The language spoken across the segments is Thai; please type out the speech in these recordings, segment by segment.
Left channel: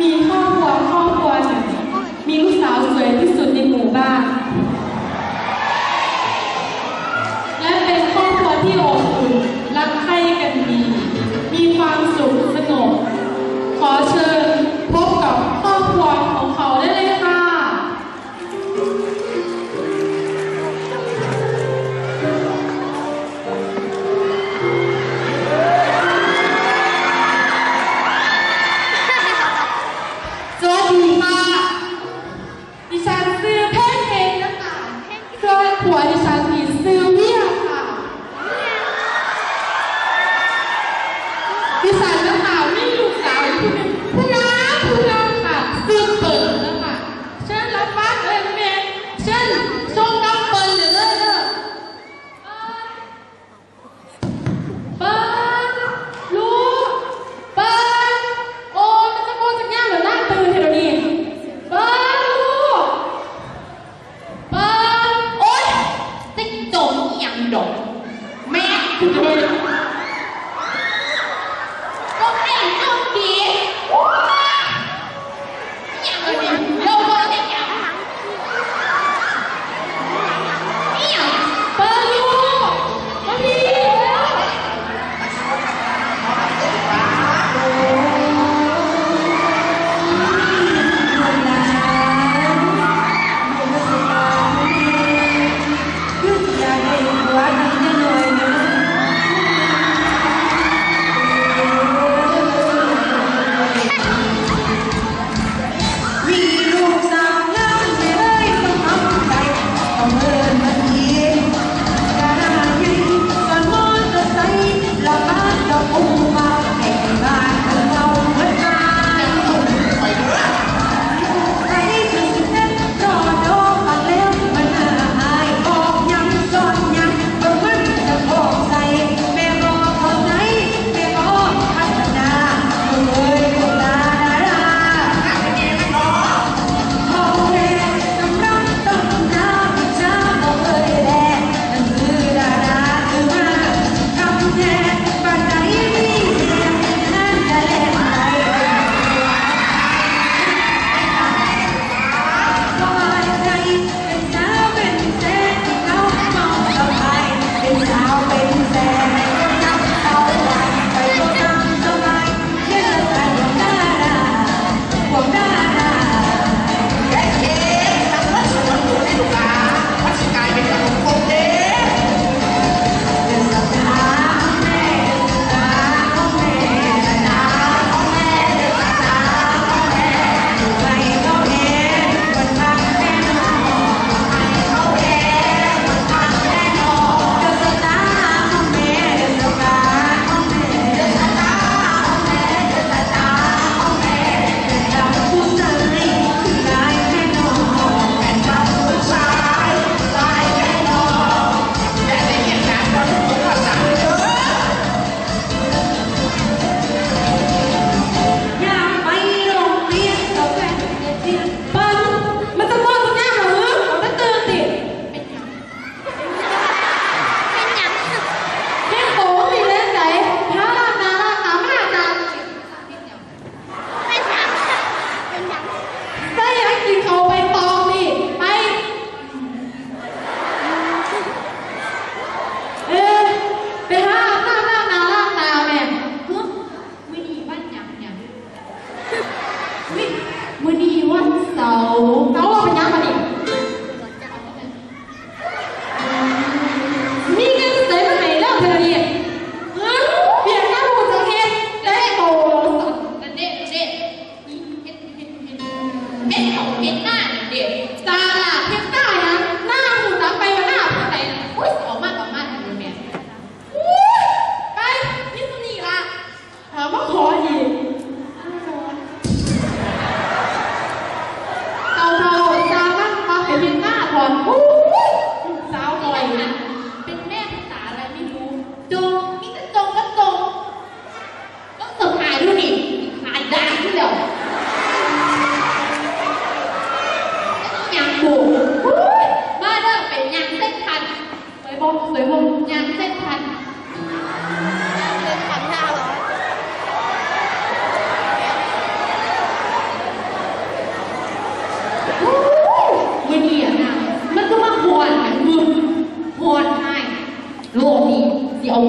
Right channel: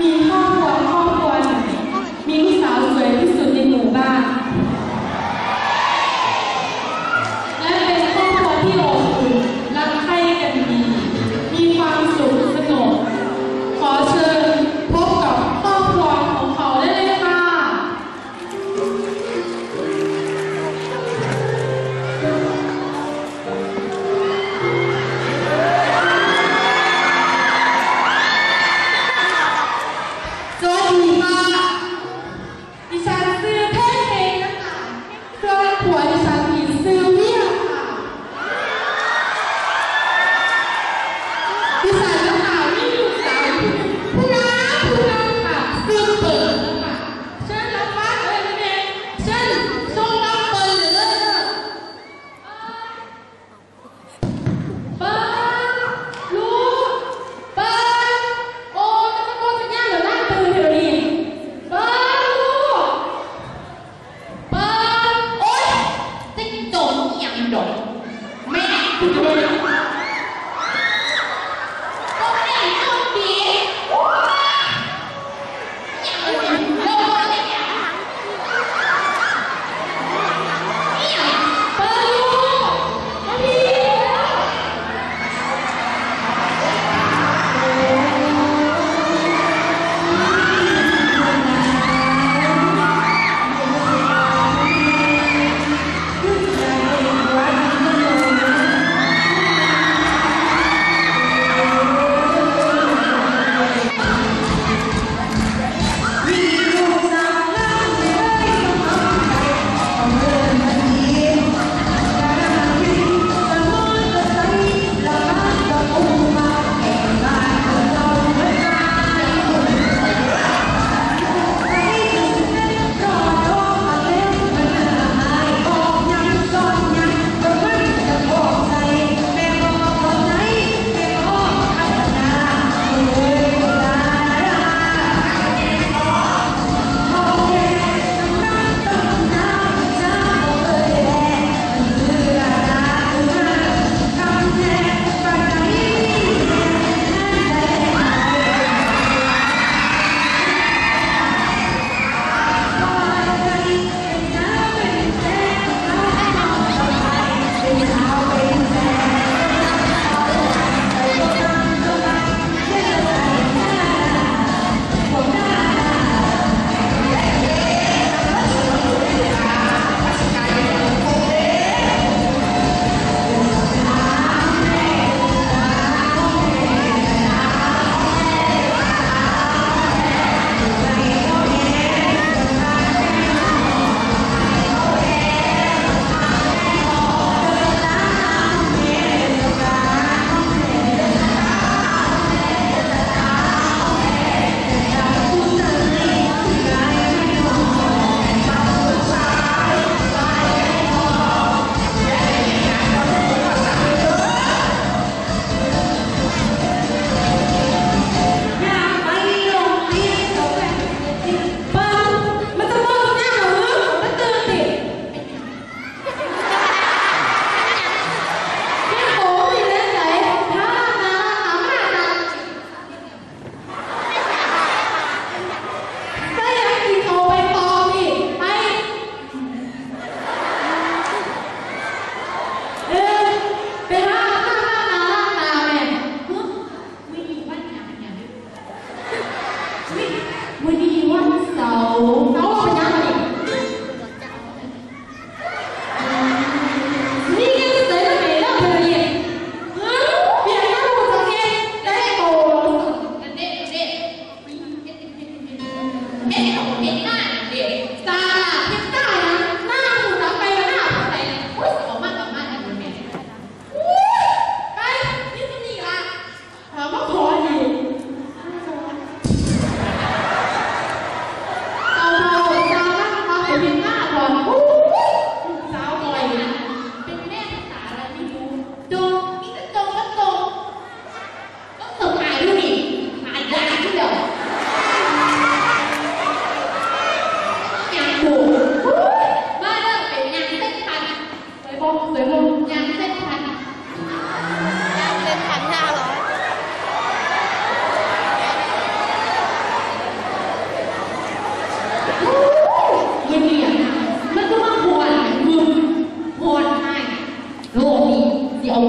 มี อหย่าง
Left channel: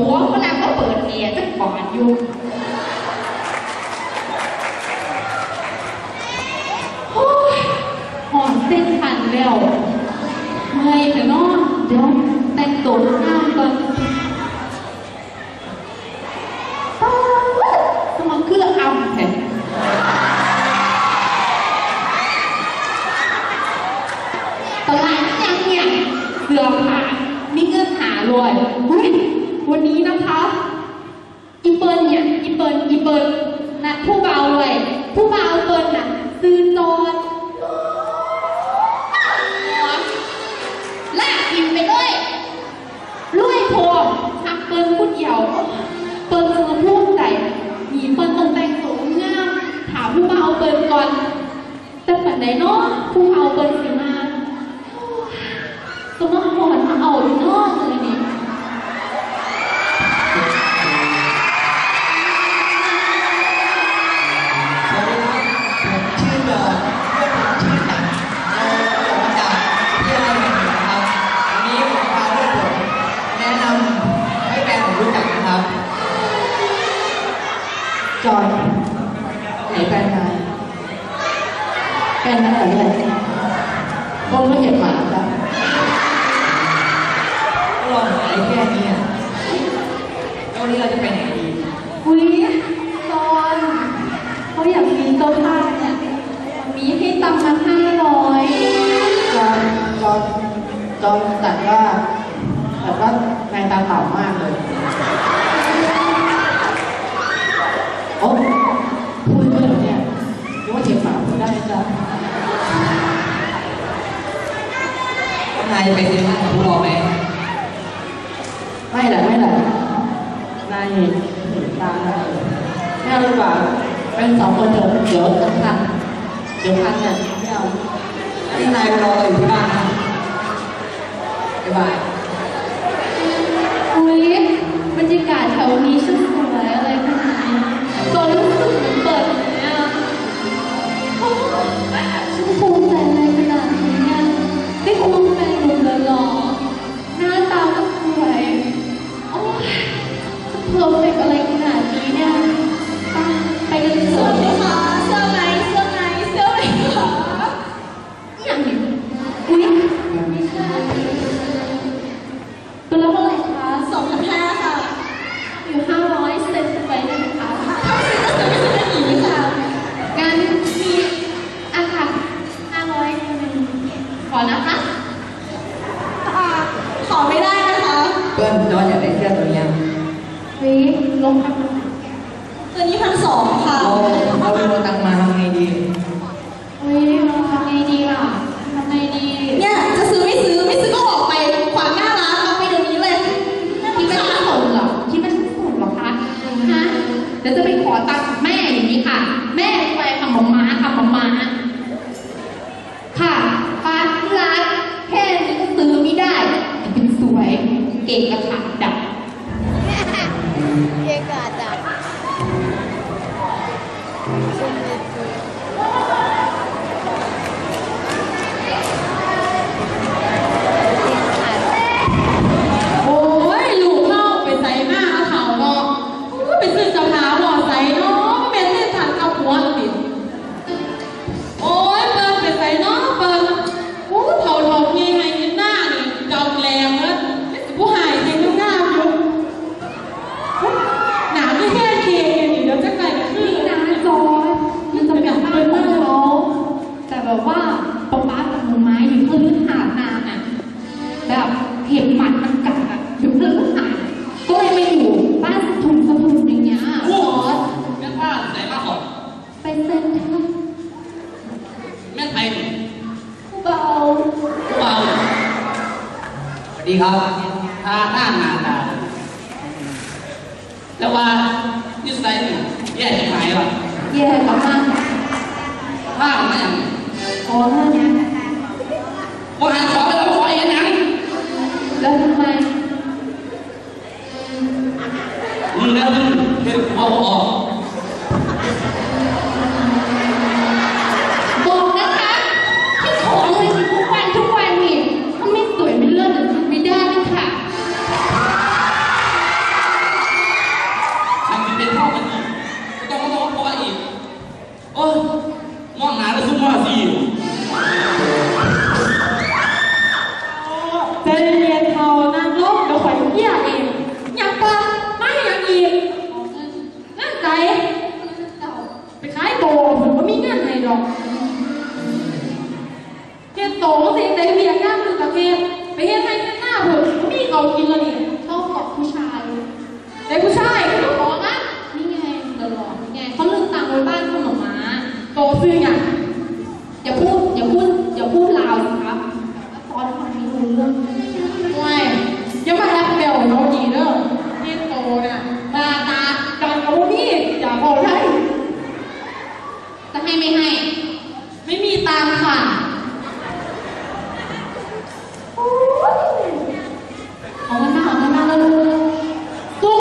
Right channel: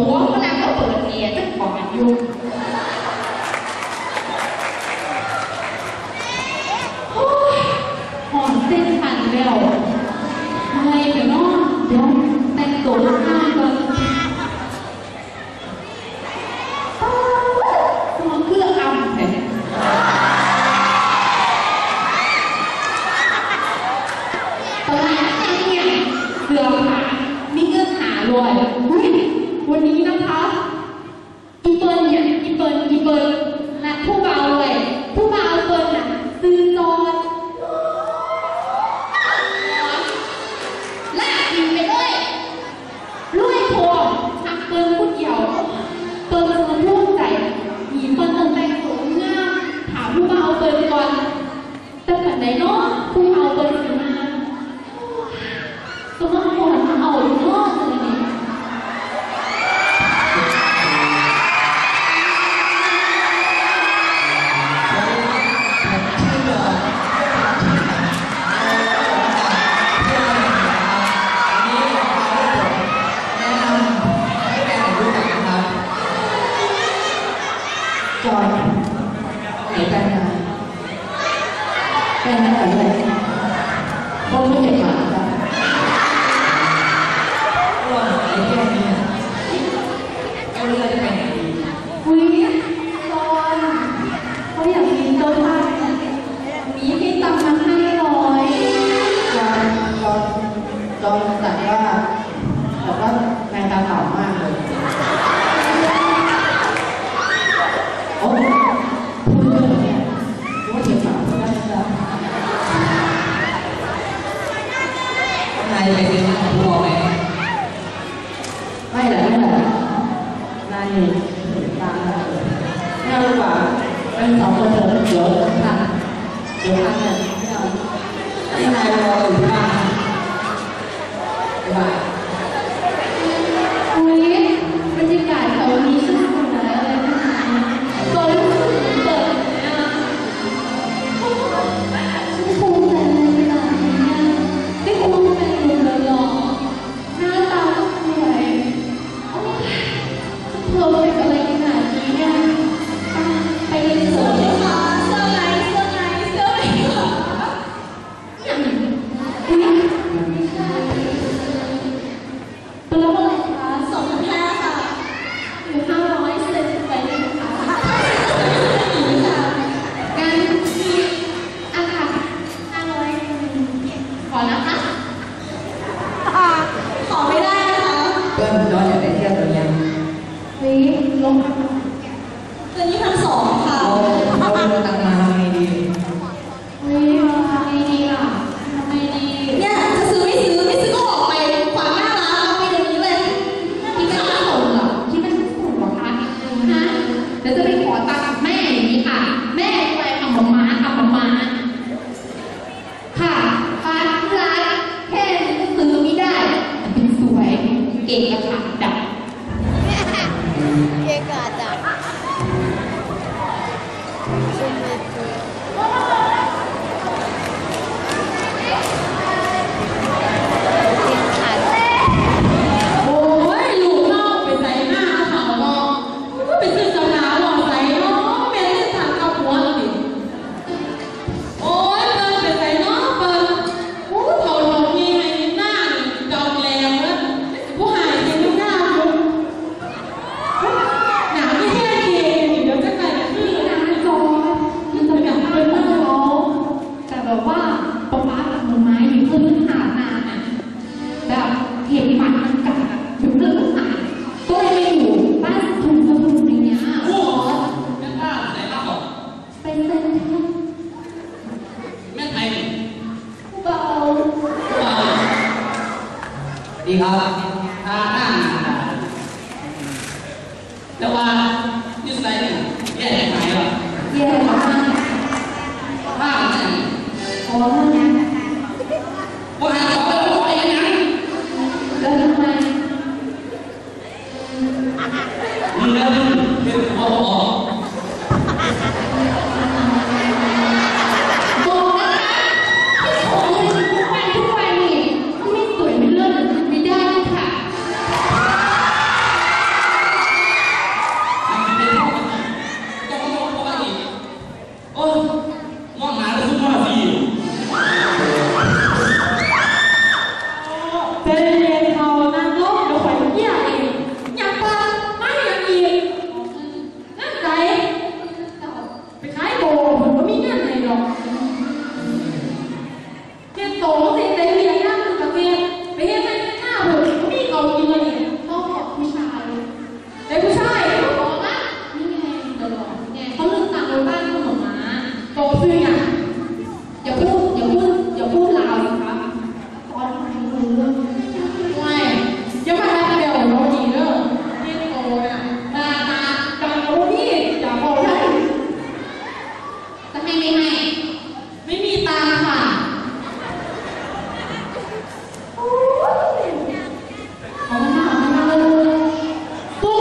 หัวฝรั่งก็เปิดแอร์จังปอนอยู่ ไหนกันนะกันนไหนกันคนไม่เห็นหมาครับว่างหายแค่นี้อะวันนี้เราจะไปไหนดีวุ้ยตอนเขาอยากมีต้นผ้าเนี่ยมีให้ตังค์มาห้าร้อยตอนตอนตอนตัดว่าแต่ว่าแมตาเต่ามากเลยโอ้ này phải tiếng là của bố mẹ may là may là nay thì ta theo lúc mà bên sống bên thường giữa thằng giữa thằng này theo cái này rồi thì ba cái bài กาถึงเลิกขก็เลยมาอยู่บ้านทนสมุนอย่าเงี้ยโอ้โหแม่บ้านไหนมาก่อนเปเซนทรัลแม่ไทยเบาเบาวดีครับตาหน้างานแต่ว่านิสัยเนี่ยแย่ไหมวะแย่มาก now